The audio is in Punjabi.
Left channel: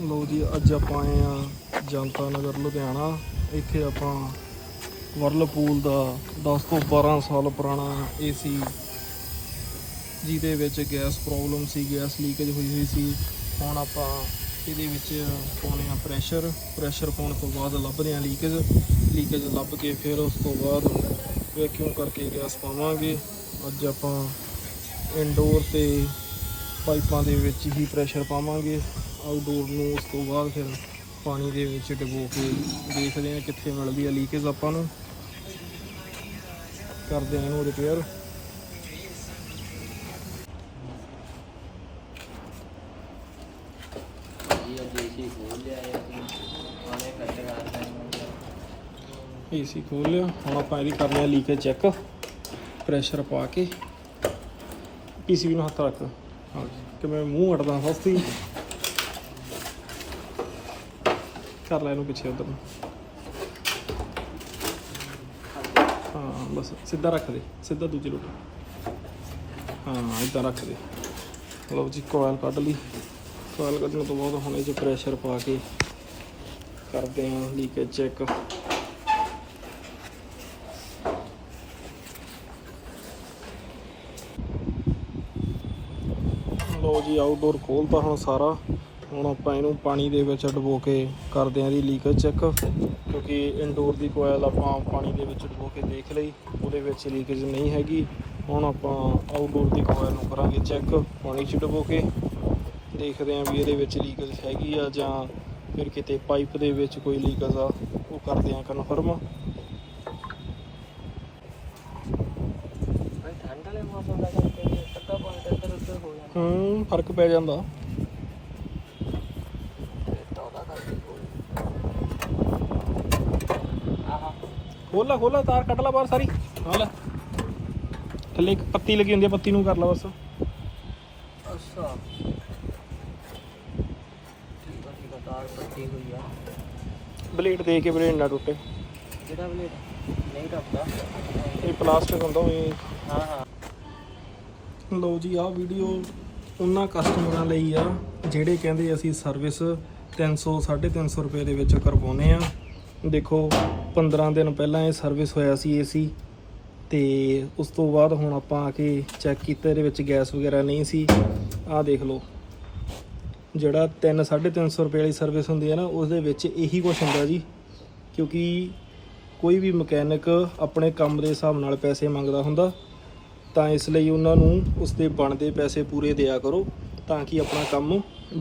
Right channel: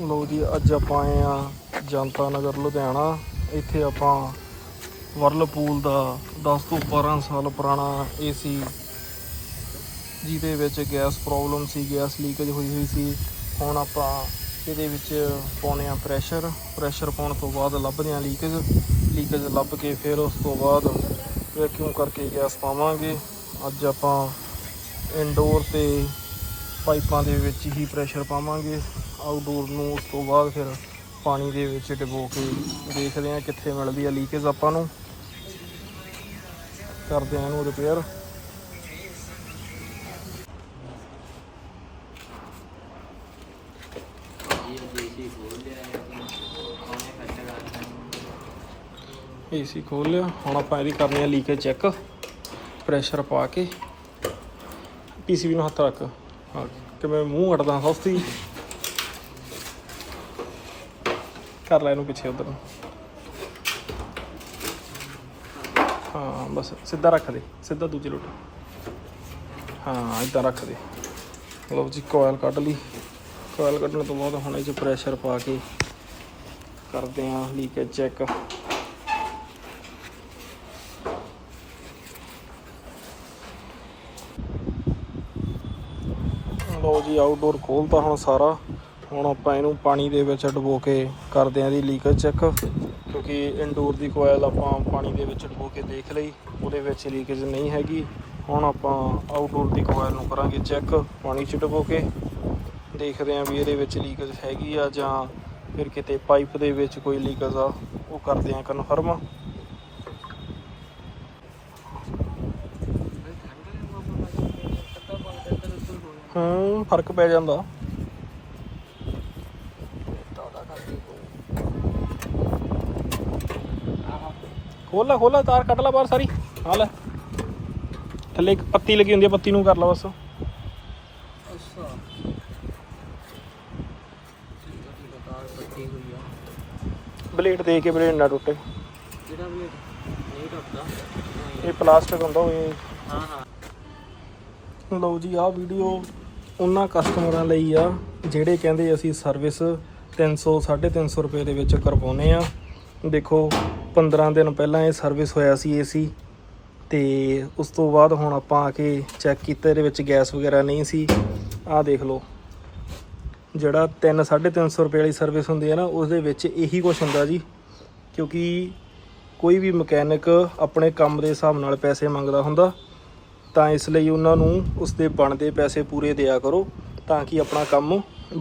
ਲੋ ਜੀ, ਅੱਜ ਆਪਾਂ ਆਏ ਆ ਜਨਤਾ ਨਗਰ ਲੁਧਿਆਣਾ। ਇੱਥੇ ਆਪਾਂ ਵਰਲਪੂਲ ਦਾ 10 ਤੋਂ 12 ਸਾਲ ਪੁਰਾਣਾ ਏਸੀ, ਜਿਹਦੇ ਵਿੱਚ ਗੈਸ ਪ੍ਰੋਬਲਮ ਸੀ, ਗੈਸ ਲੀਕੇਜ ਹੋਈ ਹੋਈ ਸੀ। ਹੁਣ ਆਪਾਂ ਇਹਦੇ ਵਿੱਚ ਪਾਉਣੇ ਆ ਪ੍ਰੈਸ਼ਰ। ਪ੍ਰੈਸ਼ਰ ਪਾਉਣ ਤੋਂ ਬਾਅਦ ਲੱਭਦੇ ਆ ਲੀਕੇਜ। ਲੀਕੇਜ ਲੱਭ ਕੇ ਫਿਰ ਉਸ ਤੋਂ ਬਾਅਦ ਵੈਕਿਊਮ ਕਰਕੇ ਗੈਸ ਪਾਵਾਂਗੇ? ਅੱਜ ਆਪਾਂ ਇਨਡੋਰ ਤੇ ਪਾਈਪਾਂ ਦੇ ਵਿੱਚ ਹੀ ਪ੍ਰੈਸ਼ਰ ਪਾਵਾਂਗੇ। ਆਊਟਡੋਰ ਨੂੰ ਉਸ ਤੋਂ ਬਾਅਦ ਫਿਰ ਪਾਣੀ ਦੇ ਵਿੱਚ ਡਬੋ ਕੇ ਦੇਖਦੇ ਹਾਂ ਕਿੱਥੇ ਮਿਲਦੀ ਹੈ ਲੀਕੇਜ ਆਪਾਂ ਨੂੰ। ਕਰਦੇ ਹਾਂ ਇਹਨੂੰ ਰਿਪੇਅਰ ਜੀ ਅੱਜ ਏਸੀ ਖੋਲ ਲਿਆ, ਹੁਣ ਆਪਾਂ ਇਹਦੀ ਕਰਨੀ ਆ ਲੀਕੇਜ ਚੈੱਕ ਪ੍ਰੈਸ਼ਰ ਪਾ ਕੇ। ਪੀਸੀਬੀ ਨੂੰ ਹੱਥ ਰੱਖ। ਹਾਂ ਮੈਂ ਮੂੰਹ ਅੜਦਾ ਸਸਤੀ। ਕਰ ਲੈ ਇਹਨੂੰ ਪਿੱਛੇ ਉਧਰ ਨੂੰ। ਹਾਂ, ਬਸ ਸਿੱਧਾ ਰੱਖ ਦੇ, ਸਿੱਧਾ ਦੂਜੇ ਲੋਟ। ਹਾਂ ਇਦਾਂ ਰੱਖ ਦੇ। ਲਓ ਜੀ ਕੋਇਲ ਕੱਢ ਲਈ। ਕੋਇਲ ਕੱਢਣ ਤੋਂ ਬਾਅਦ ਹੁਣ ਇਹ 'ਚ ਪ੍ਰੈਸ਼ਰ ਪਾ ਕੇ ਕਰਦੇ ਹਾਂ ਲੀਕੇਜ ਚੈੱਕ ਲਓ ਜੀ ਆਊਟਡੋਰ ਖੋਲਤਾ ਹੁਣ ਸਾਰਾ। ਹੁਣ ਆਪਾਂ ਇਹਨੂੰ ਪਾਣੀ ਦੇ ਵਿੱਚ ਡੁਬੋ ਕੇ ਕਰਦੇ ਆਂ ਇਹਦੀ ਲੀਕੇਜ ਚੈੱਕ ਕਿਉਂਕਿ ਇਨਡੋਰ ਦੀ ਕੋਇਲ ਆਪਾਂ ਪਾਣੀ ਦੇ ਵਿੱਚ ਡੁਬੋ ਕੇ ਦੇਖ ਲਈ ਉਹਦੇ ਵਿੱਚ ਲੀਕੇਜ ਨਹੀਂ ਹੈਗੀ। ਹੁਣ ਆਪਾਂ ਆਊਟਡੋਰ ਦੀ ਕੋਇਲ ਨੂੰ ਕਰਾਂਗੇ ਚੈੱਕ ਪਾਣੀ 'ਚ ਡੁਬੋ ਕੇ। ਦੇਖਦੇ ਆਂ ਵੀ ਇਹਦੇ ਵਿੱਚ ਲੀਕੇਜ ਹੈਗੀ ਆ ਜਾਂ ਫਿਰ ਕਿਤੇ ਪਾਈਪ ਦੇ ਵਿੱਚ ਕੋਈ ਲੀਕੇਜ ਆ ਉਹ ਕਰਦੇ ਆਂ ਕਨਫਰਮ ਦਾ ਹੋ ਹਾਂ ਫ਼ਰਕ ਪੈ ਜਾਂਦਾ ਤੇ ਤੋੜਾ ਕਰਦੀ ਆਹ ਖੋਲਾ ਖੋਲਾ ਤਾਰ ਕੱਢ ਲੈ ਬਾਹਰ ਸਾਰੀ। ਹਾਂ ਲੈ। ਥੱਲੇ ਇੱਕ ਪੱਤੀ ਲੱਗੀ ਹੁੰਦੀ ਹੈ ਪੱਤੀ ਨੂੰ ਕਰ ਲਾ ਬਸ। ਅੱਛਾ। ਠੀਕ ਆ ਠੀਕ ਆ ਤਾਰ ਪੱਟੀ ਹੋਈ ਆ। ਬਲੇਡ ਦੇ ਕੇ ਬਲੇਡ ਨਾ ਟੁੱਟੇ। ਕਿਹੜਾ ਬਲੇਡ? ਨਹੀਂ ਟੱਪਦਾ ਇਹ ਪਲਾਸਟਿਕ ਹੁੰਦਾ ਹੋਏ ਹਾਂ ਹਾਂ। ਲਓ ਜੀ ਆਹ ਵੀਡੀਓ ਉਹਨਾਂ ਕਸਟਮਰਾਂ ਲਈ ਆ ਜਿਹੜੇ ਕਹਿੰਦੇ ਅਸੀਂ ਸਰਵਿਸ 300 350 ਰੁਪਏ ਦੇ ਵਿੱਚ ਕਰਵਾਉਨੇ ਆ। ਦੇਖੋ 15 ਦਿਨ ਪਹਿਲਾਂ ਇਹ ਸਰਵਿਸ ਹੋਇਆ ਸੀ ਏਸੀ ਤੇ ਉਸ ਤੋਂ ਬਾਅਦ ਹੁਣ ਆਪਾਂ ਆ ਕੇ ਚੈੱਕ ਕੀਤਾ, ਇਹਦੇ ਵਿੱਚ ਗੈਸ ਵਗੈਰਾ ਨਹੀਂ ਸੀ। ਆਹ ਦੇਖ ਲਓ, ਜਿਹੜਾ 3 350 ਰੁਪਏ ਵਾਲੀ ਸਰਵਿਸ ਹੁੰਦੀ ਹੈ ਨਾ ਉਸ ਦੇ ਵਿੱਚ ਇਹੀ ਕੁਝ ਹੁੰਦਾ ਜੀ, ਕਿਉਂਕਿ ਕੋਈ ਵੀ ਮਕੈਨਿਕ ਆਪਣੇ ਕੰਮ ਦੇ ਹਿਸਾਬ ਨਾਲ ਪੈਸੇ ਮੰਗਦਾ ਹੁੰਦਾ, ਤਾਂ ਇਸ ਲਈ ਉਹਨਾਂ ਨੂੰ ਉਸ ਦੇ ਬਣਦੇ ਪੈਸੇ ਪੂਰੇ ਦਿਆ ਕਰੋ, ਤਾਂ ਕਿ ਆਪਣਾ ਕੰਮ